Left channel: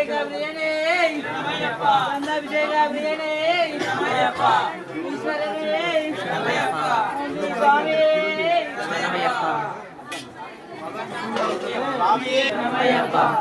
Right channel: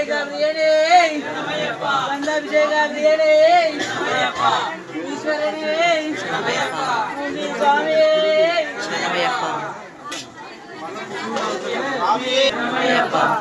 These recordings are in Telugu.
ప్రియనే బంధాభిషేక ప్రియనే ఈశ్వరనే స్వామి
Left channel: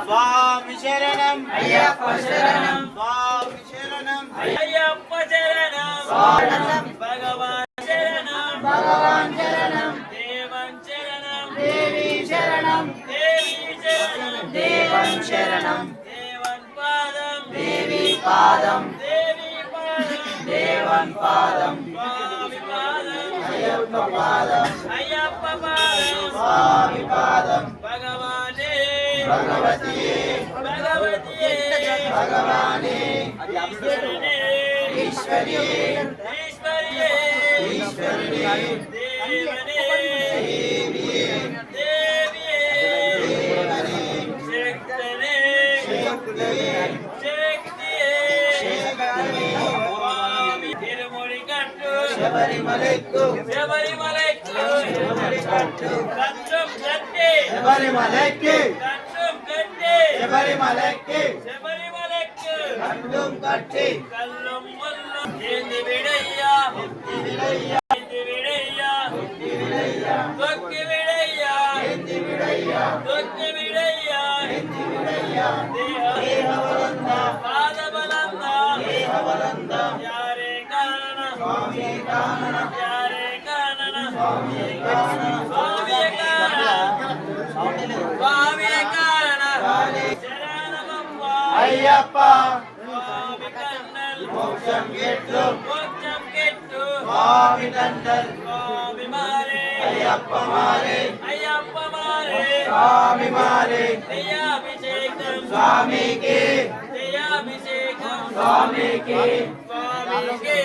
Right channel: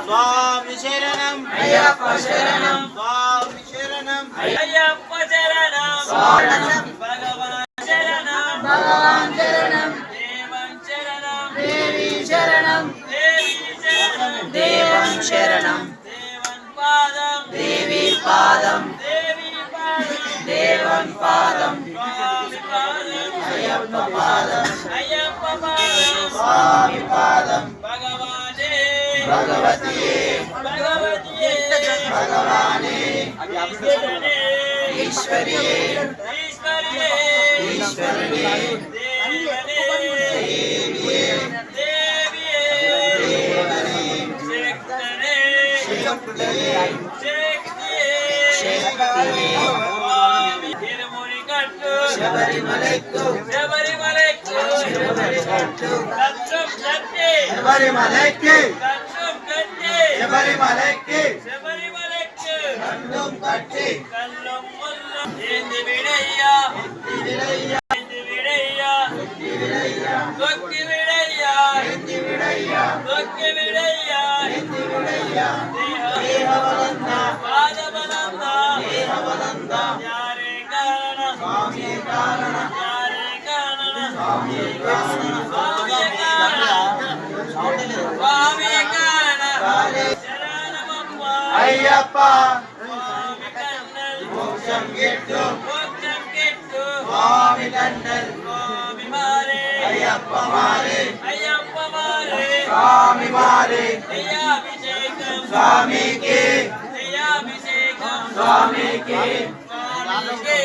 స్వామి శరణం అయ్యప్ప శరణం స్వామి శరణం అయ్యప్ప శరణం భగవాన్ శరణం భగవాన్ శరణం దేవం శరణం దేవి శరణం దేవి శరణం దేవం శరణం దేవన్ పాదం దేవి పాదం దేవి పాదం దేవం పాదం స్వామి పాదం అయ్యప్ప పాదం అయ్యప్ప పాదం స్వామి పాదం భగవానే భగవతియే భగవతియే భగవానే ఈశ్వరనే ఈశ్వరియే ఈశ్వరియే ఈశ్వరియే దేవనే దేవియే దేవియే శక్తనే శక్తియే శక్తియే శక్తియే స్వామి తిరుముడి కట్టు శబరిమలెక్కు శబరిమలెక్కు శబరిమలెక్కు కట్టం కట్టి శబరిమలెక్కి కట్టం కట్టి శబరిమలెక్కి శబరిమలెక్కు కళ్ళం కట్టి కల్లం ముల్లం ఏంది విడయ్యా విడయ్యా ఏంది విడయ్యా విడయ్యా తొక్కి విడయ్యా విడయ్యా తొక్కి విడయ్యా విడయ్యా దేహబలంద పాదబలంద దేహబలంద యారే కారణ స్వామి కారణ యారే కారణ స్వామి కారణ స్వామియ కారణ స్వామియ కారణ శరణమప్ప అయ్యప్ప స్వామి కన్నల్ మోక్షం గిట్టు మోక్షం గిట్టు స్వామి కండల్ స్వామి మారే అయ్యప్ప మారే అయ్యప్ప మారే స్వామి మారే దయాభిషేకం స్వామికి దయాభిషేకం స్వామికి స్వామికే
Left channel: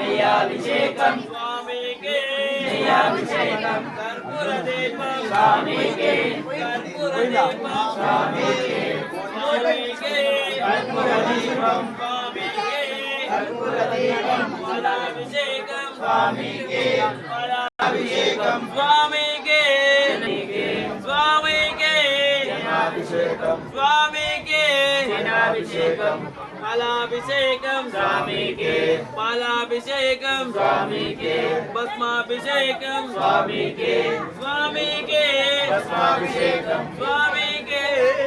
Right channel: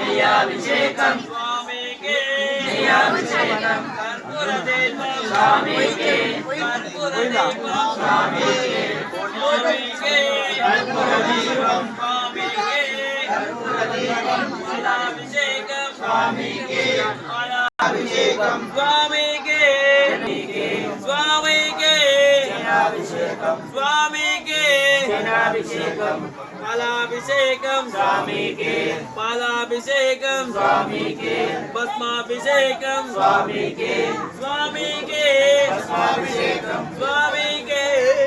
దయాభిషేకం స్వామికే దయాభిషేకం కర్పూర దీపం స్వామికి కర్పూర దీపం స్వామికి స్వామికే కర్పూర దీపం స్వామికే కర్పూర దీపం ఫలాభిషేకం స్వామికి ఫలాభిషేకం స్వామికే స్వామికే దయాభిషేకం స్వామికే దయాభిషేకం ఫలాభిషేకం స్వామికి పాలాభిషేకం స్వామికి భస్మాభిషేకం స్వామికి స్వామికే భస్మాభిషేకం స్వామికే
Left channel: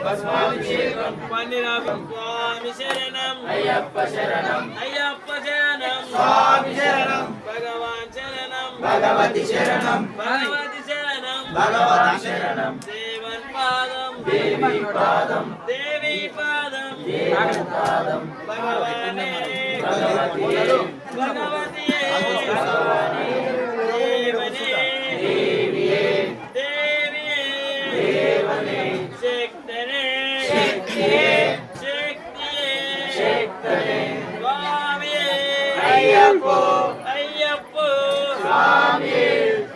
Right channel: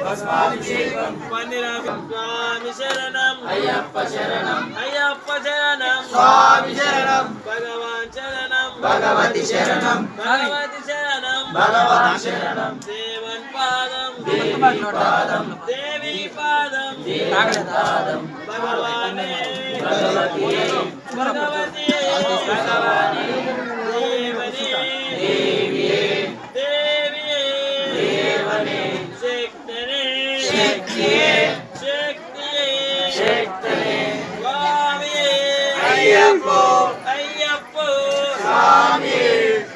భస్మాభిషేకం పన్నిరాభం స్వామి శరణం అయ్యప్ప శరణం అయ్యప్ప శరణం స్వామి శరణం భగవాన్ శరణం భగవతి శరణం భగవతి శరణం భగవతి శరణం దేవన్ పాదం దేవి పాదం దేవి పాదం దేవి పాదం భగవానే భగవతియే భగవతియే భగవానే దేవనే దేవియే దేవియే దేవనే శక్తనే శక్తియే శక్తియే శక్తనే స్వామియే అయ్యప్ప అయ్యప్ప స్వామి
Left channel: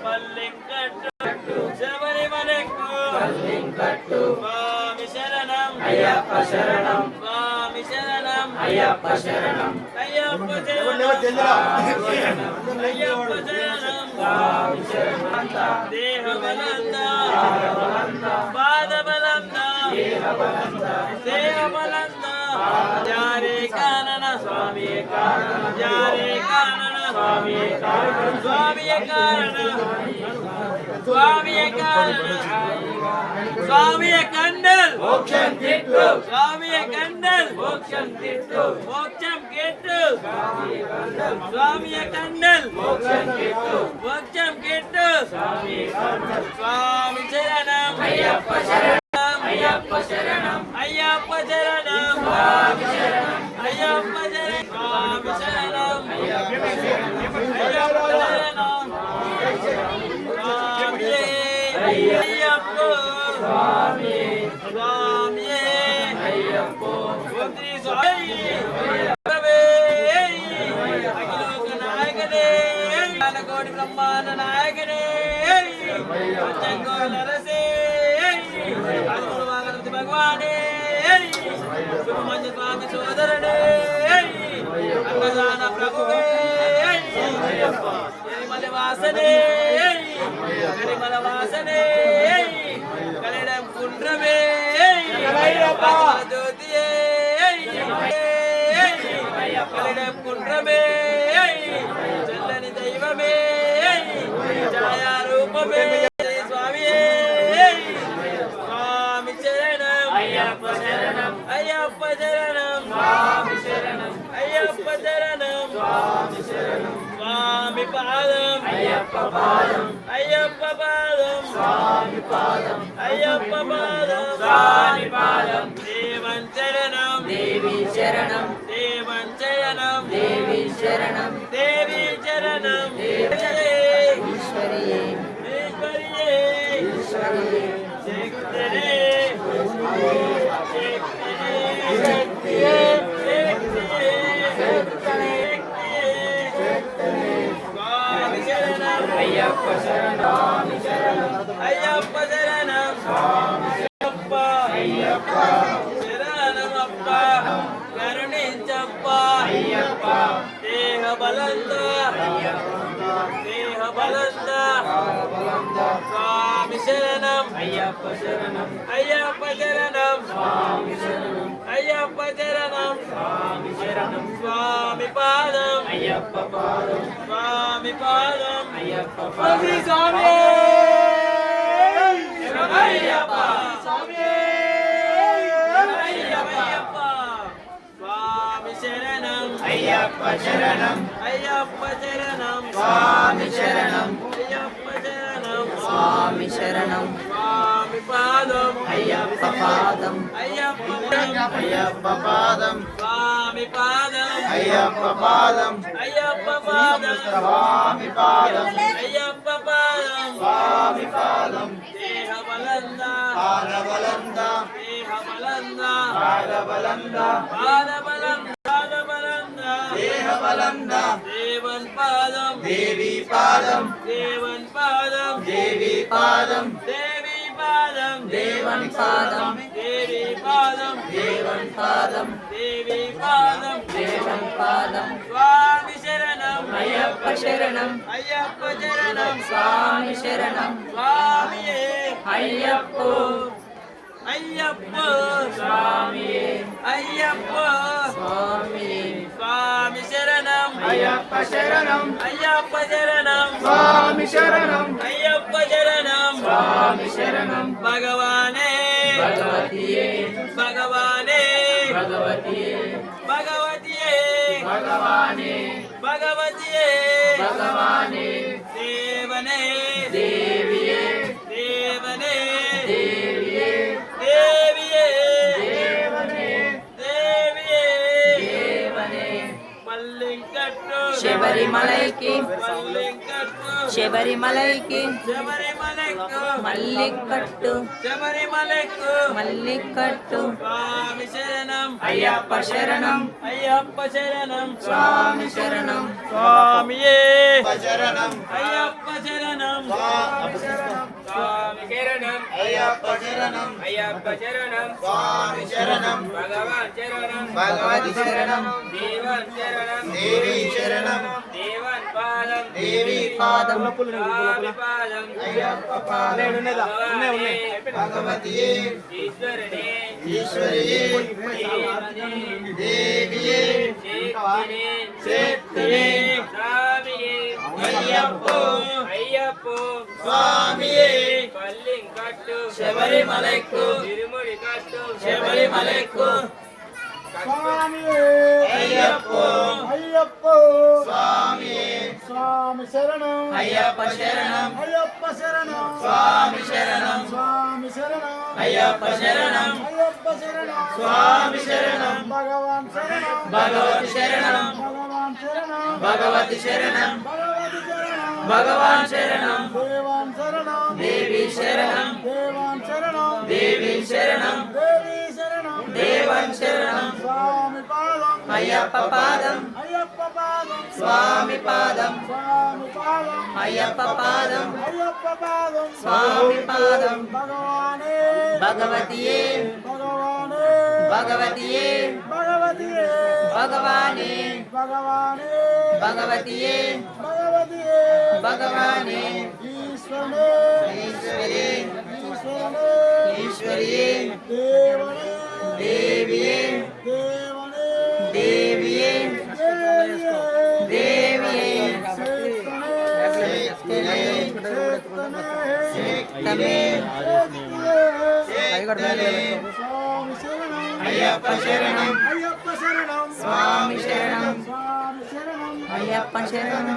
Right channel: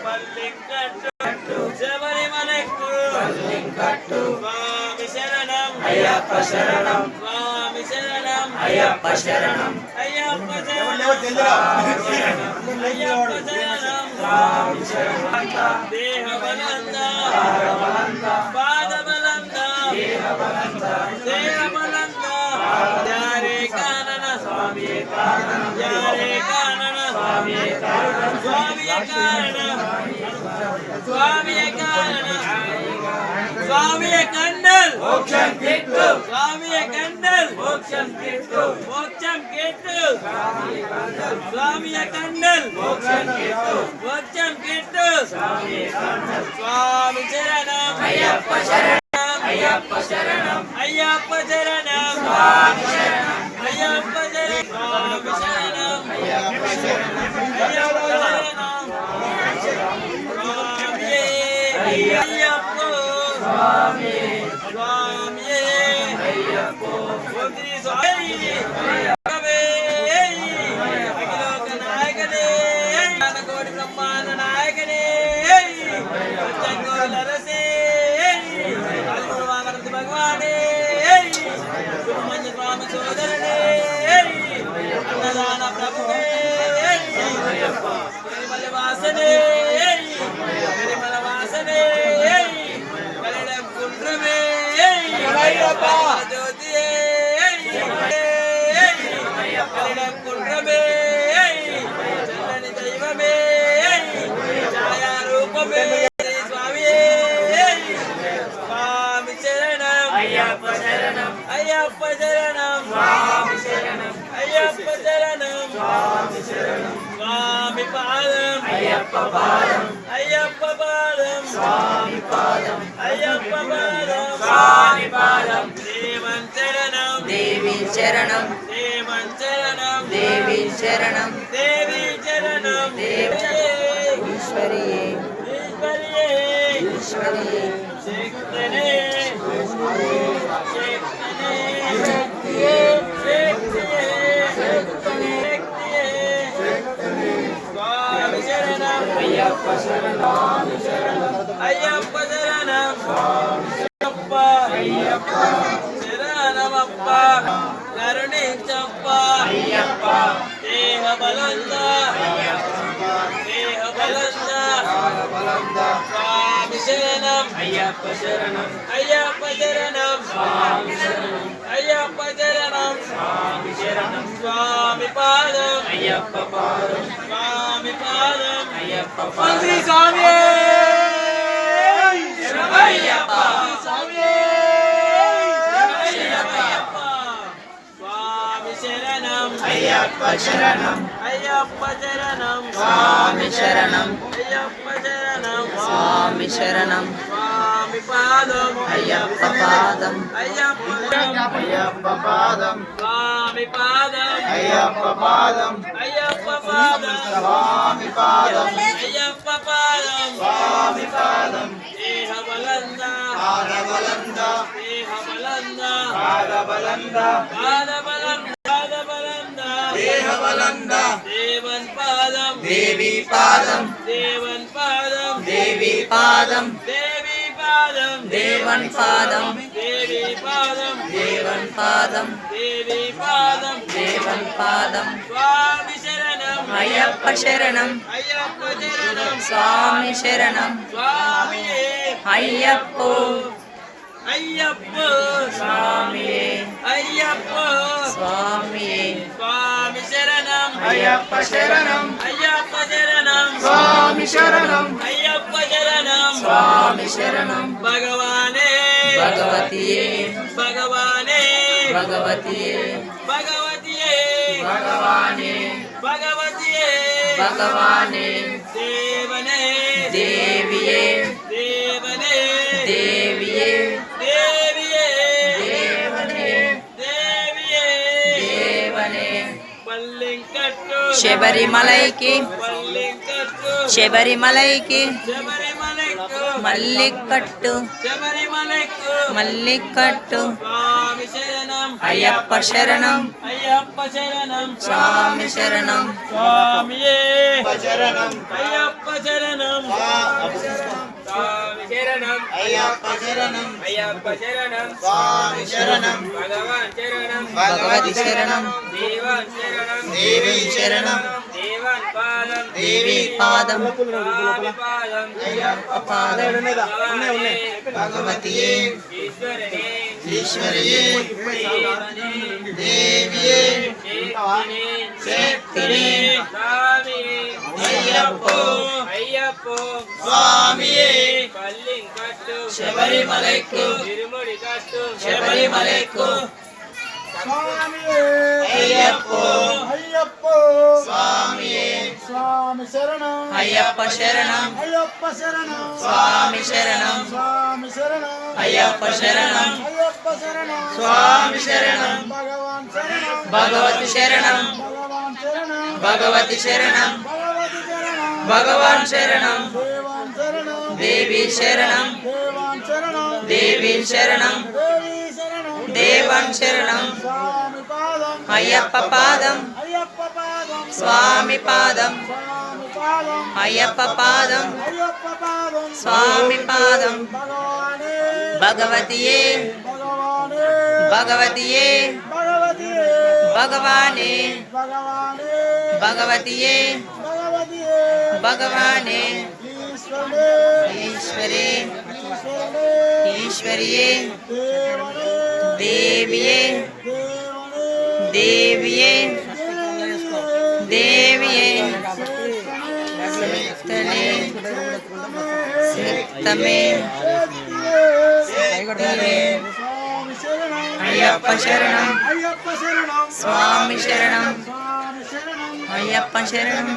పల్లింకట్టు శబరిమలెక్కు పల్లింకట్టు స్వామి శరణం అయ్యప్ప శరణం స్వామి శరణం అయ్యప్ప శరణం అయ్యప్ప శరణం అయ్యప్ప శరణం స్వామి శరణం దేహబలంద పాదబలంద దేహబలంద యారే కానన స్వామియే కారణ యారే కానన స్వామియే కారణ స్వామియ కారణ స్వామియ కారణ స్వామియ కండల్ మోక్షం గిట్టు స్వామియ కండల్ మోక్షం గిట్టు మోక్షం కెట్టు స్వామియ కండల్ మోక్షం గిట్టు మోక్షం కెట్టు స్వామి కండల్ స్వామి శరణం అయ్యప్ప శరణం అయ్యప్ప శరణం అయ్యప్ప శరణం స్వామి శరణం అయ్యప్ప శరణం స్వామి శరణం అయ్యప్ప శరణం అయ్యప్ప శరణం స్వామియే అయ్యప్ప స్వామి స్వామియే అయ్యప్ప ఓం శ్రీ స్వామి భగవే అఖిలోక నాయకనే జ్ఞానకోటి బ్రహ్మాండ నాయకనే పంచకోటి నరసే ఆదిగురు వాగరతి భగవానే సుబ్రహ్మణ్య స్వామి సోదరుడే అన్నదాన ప్రభువే నిర్మల వాసనే నిర్మల వాసనే కలిడం కుండ్రమే జ్యోతియే కుట్రమే చల్లని దైవమే ఛాయారూపమే స్వామి స్వామి శరణం అయ్యప్ప శరణం అయ్యప్ప శరణం స్వామి శరణం అయ్యప్ప శరణం స్వామి శరణం స్వామి పాదం అయ్యప్ప పాదం అయ్యప్ప పాదం స్వామి పాదం అయ్యప్ప పాదం స్వామి పాదం దేవన్ శరణం దేవి శరణం దేవన్ శరణం దేవి శరణం దేవి శరణం ఈశ్వరియే ఈశ్వరియే ఈశ్వరియే శక్తినే స్వామి శరణం అయ్యప్ప శరణం అయ్యప్ప శరణం అయ్యప్ప అయ్యప్ప శరణమప్ప కరుణించప్ప అయ్యప్ప దేహ బలంద దేహ బలంద స్వామి శరణం అయ్యప్ప శరణం అయ్యప్ప శరణం స్వామి శరణం అయ్యప్ప శరణం స్వామి శరణం స్వామి పాదం అయ్యప్ప పాదం స్వామి పాదం అయ్యప్ప పాదం స్వామి అయ్యప్ప స్వామి అయ్యప్ప స్వామి శరణం అయ్యప్ప శరణం అయ్యప్ప శరణం స్వామి శరణం అయ్యప్ప శరణం స్వామి శరణం స్వామి పాదం అయ్యప్ప పాదం అయ్యప్ప అయ్యప్ప పాదం స్వామి పాదం అయ్యప్ప పాదం అయ్యప్ప పాదం స్వామి పాదం అయ్యప్ప పాదం స్వామి పాదం దేహ బలంద పాదబలంద దేహ బలంద పాదబలంద పాద బలంద పాద బలంద దేహ బలంద దేవన్ పాదం దేవి పాదం దేవన్ పాదం దేవి పాదం దేవి పాదం దేవన్ పాదం దేవి పాదం దేవన్ పాదం దేవి పాదం దేవన్ పాదం స్వామి శరణం అయ్యప్ప శరణం అయ్యప్ప శరణం స్వామి శరణం స్వామియే అయ్యప్పో అయ్యప్ప స్వామియే అయ్యప్ప స్వామియే స్వామి శరణం అయ్యప్ప శరణం అయ్యప్ప శరణం స్వామి శరణం అయ్యప్ప శరణం స్వామి శరణం భగవానే భగవతియే భగవానే భగవతియే భగవతియే భగవానే భగవతియే భగవానే దేవనే దేవియే దేవనే దేవియే దేవియే దేవనే దేవియే దేవనే పల్లింకట్టు శబరిమలైకి పల్లింకట్టు శబరిమలైకి శబరిమలెక్కు మల్లికట్టు శబరిమలెక్కు మల్లికట్టు స్వామి శరణం అయ్యప్ప శరణం అయ్యప్ప శరణం స్వామి శరణం స్వామియే శరణం అయ్యప్ప శరణం స్వామి శరణం అయ్యప్ప శరణం అయ్యప్ప శరణం స్వామి శరణం భగవాన్ శరణం భగవతి శరణం దేవన్ శరణం దేవి శరణం దేవన్ పాదం దేవి పాదం స్వామి పాదం అయ్యప్ప పాదం భగవానే భగవతియే ఈశ్వరనే ఈశ్వరియే దేవియే శక్తినే శక్తినే స్వామి అయ్యప్పో అయ్యప్పో స్వామియే పల్లింకట్టు శబరిమలైకు తిరుముడి కట్టు శబరిమలైకు అయ్యప్పో అయ్యప్పో స్వామియే స్వామి శరణం అయ్యప్ప శరణం అయ్యప్ప శరణం స్వామి శరణం స్వామి శరణం అయ్యప్ప శరణం అయ్యప్ప శరణం స్వామి శరణం భగవాన్ శరణం భగవతి శరణం భగవాన్ శరణం భగవతి శరణం భగవతి శరణం భగవాన్ శరణం దేవాన్ శరణం దేవి శరణం దేవాన్ శరణం దేవి శరణం దేవి శరణం దేవన్ శరణం స్వామి పాదం అయ్యప్ప పాదం అయ్యప్ప పాదం స్వామి పాదం స్వామి పాదం అయ్యప్ప పాదం అయ్యప్ప పాదం స్వామి పాదం భగవానే భగవతియే భగవానే భగవతియే భగవతియే భగవానే భగవానే భగవతియే భగవతియే భగవానే ఈశ్వరే ఈశ్వరే ఈశ్వరనే ఈశ్వరియే దేవనే దేవియే దేవనే దేవియే దేవనే శక్తలే శక్తమే అయ్యప్ప శరణం అయ్యప్ప శరణం స్వామి శరణం స్వామి శరణం అయ్యప్ప శరణం